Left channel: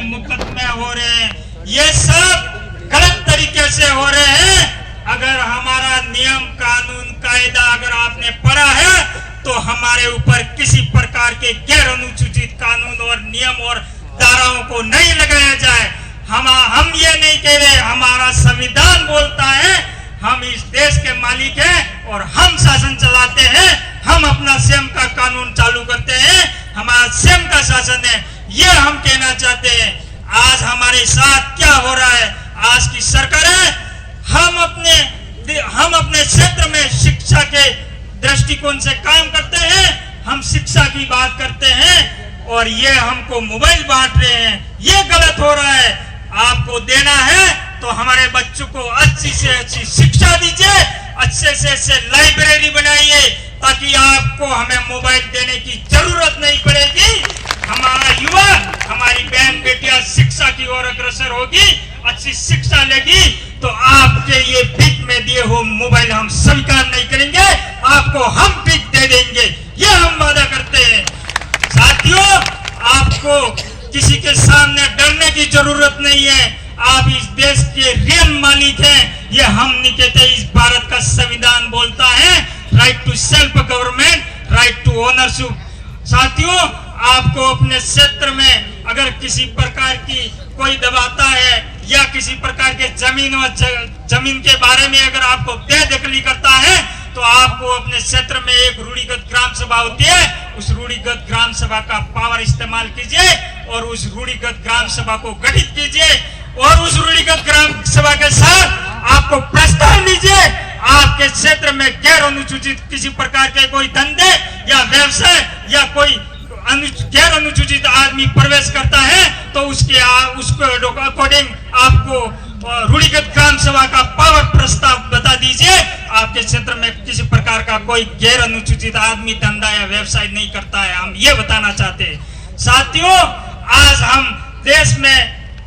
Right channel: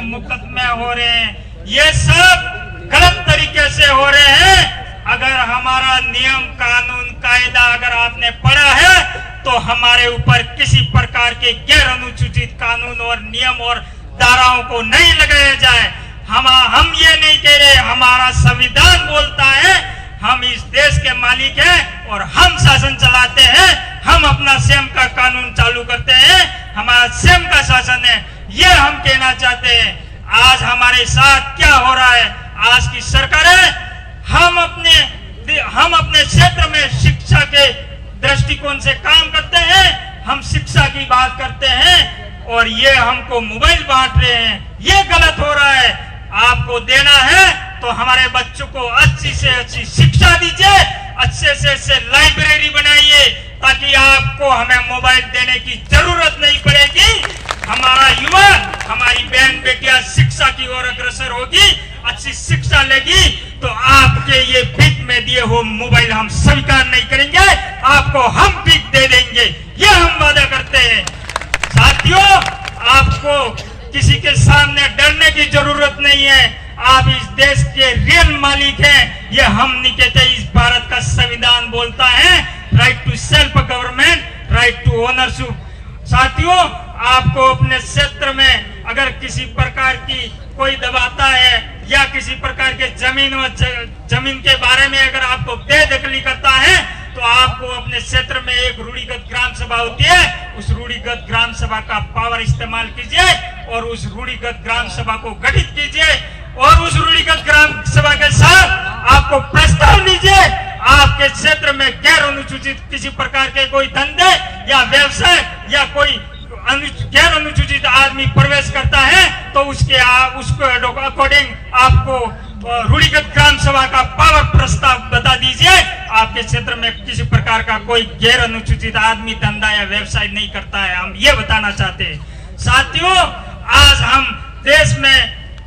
में मुकदमे हो रहे हैं, ये सब गलत तरीके से हो रहे हैं। अगर हमारा नियम कानून कायदा अगर आपने पढ़ा है तो हमारे ऊपर किसी प्रकार के गैर अनुसूचित कानून और नियम और धाराओं को नहीं लगाया जाए। हम ये नहीं कह रहे, हमारा संविधान बोलता है हम इस देश के मालिक हैं और हम शासन चलाते हैं, हम अपना स्वयं का कानून चालू करते हैं, हमारा स्वयं का शासन है, ये हम कहना चाहते हैं। आज हमारे साथ क्या हो रहा है, आज की सरकार है, हम अपने क्षेत्र में शिक्षा के दृष्टिकोण से काम करते हैं, हम शिक्षा की बात करते हैं और ये हमको मोबाइल बांट रहे हैं, ये गलत हो रहा है। आपको देना है तो हमारे बच्चों को अच्छी से अच्छी शिक्षा दीजिए, अच्छे से लाइब्रेरी बनाइए ताकि आपको हमें मोबाइल देने की जरूरत नहीं पड़ेगी। हमारा युवा, हमारी बहन बेटियां शिक्षा की ओर अग्रसर होगी, अच्छी शिक्षा लेगी तो आपके ये भीख में दिए हुए मोबाइल हम स्वीकार नहीं करेंगे, आपको हम भीख दे देंगे, ये हम वादा करते हैं। साथियों, आपको किसी के सामने डरने की जरूरत नहीं है, आप इस देश के रियल मालिक हैं, ये हम नहीं कहते, इस भारत का संविधान बोलता है right to self government, right to ownership. साथियों, आपको अपने क्षेत्र में अगर किसी प्रकार की कोई दबाता है या किसी प्रकार के जमीन के बारे में अगर आपको बेदखली करता है तो आपको अपने क्षेत्र में एक रूढ़िगत ग्राम सभा होती है, उस रूढ़िगत ग्राम सभा का पावर इस्तेमाल कीजिए और उस रूढ़िगत ग्राम सभा को गठित कीजिए और उस रूढ़िगत ग्राम सभा के साथ आपको प्रस्ताव दीजिए। आपके क्षेत्र में गैर अनुसूचित किसी प्रकार के कोई धंधे या व्यवसाय या कोई गैर अनुसूचित आदमी प्रवेश करता है तो उसको अकॉर्डिंग आपको रूढ़िगत ग्राम सभा का पावर प्रस्ताव बता दीजिए। आपके क्षेत्र में किसी प्रकार का कोई गैर अनुसूचित आदमी धंधा या व्यवसाय नहीं करता है, हम ये बताना चाहते हैं। साथियों, आज हम देश में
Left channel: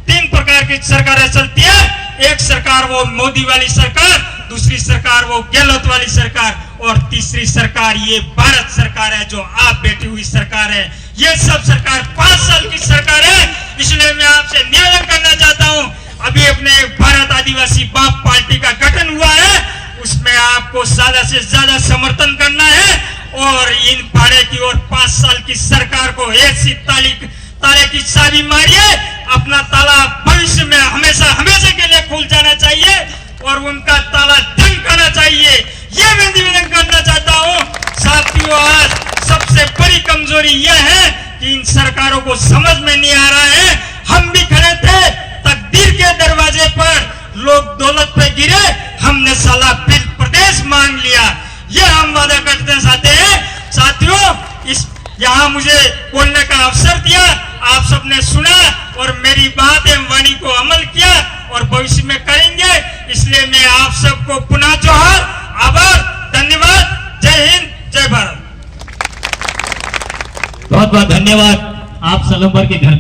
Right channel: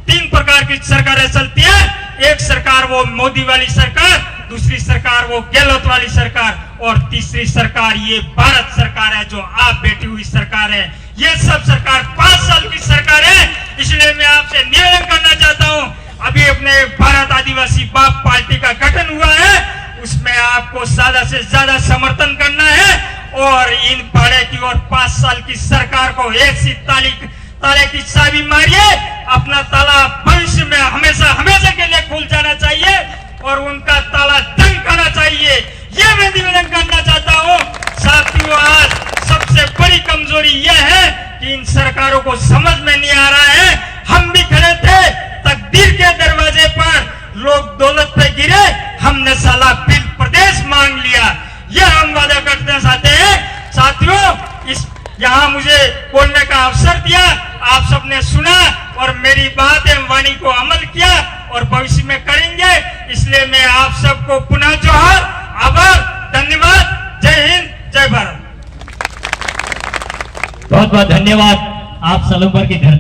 3 प्रकार की सरकारें चलती है, एक सरकार वो मोदी वाली सरकार, दूसरी सरकार वो गहलोत वाली सरकार और तीसरी सरकार ये भारत सरकार है जो आप बैठी हुई सरकार है। ये सब सरकार 5 साल की सरकार है, इसलिए मैं आपसे निवेदन करना चाहता हूँ, अभी अपने भारत आदिवासी बाप पार्टी का गठन हुआ है, उसमें आपको ज्यादा से ज्यादा समर्थन करना है और इन भाड़े की और 5 साल की सरकार को ऐसी ताले की चाबी मारिए, अपना ताला भविष्य में हमेशा के लिए खुल जाना चाहिए और उनका ताला धमकाना चाहिए, ये मैं निवेदन करना चाहता हूँ। साथियों, आज सबसे बड़ी कमजोरी यह है कि इन सरकारों को समझ में नहीं आ रहा है। हम भी खड़े थे तकदीर के दरवाजे पर, लोग दौलत पे गिरे, हमने साला फिर प्रदेश मांग लिया, यह हम वादा करते साथियों, यहाँ मुझे बोलने का अवसर दिया, आप सबने सुना और मेरी बात एवं वाणी को अमल किया और भविष्य में करेंगे, इसलिए मैं आप सबको पुनः जोहार, आभार, धन्यवाद। जय हिंद, जय भारत। बहुत बहुत धन्यवाद। आप सलूबर की धरती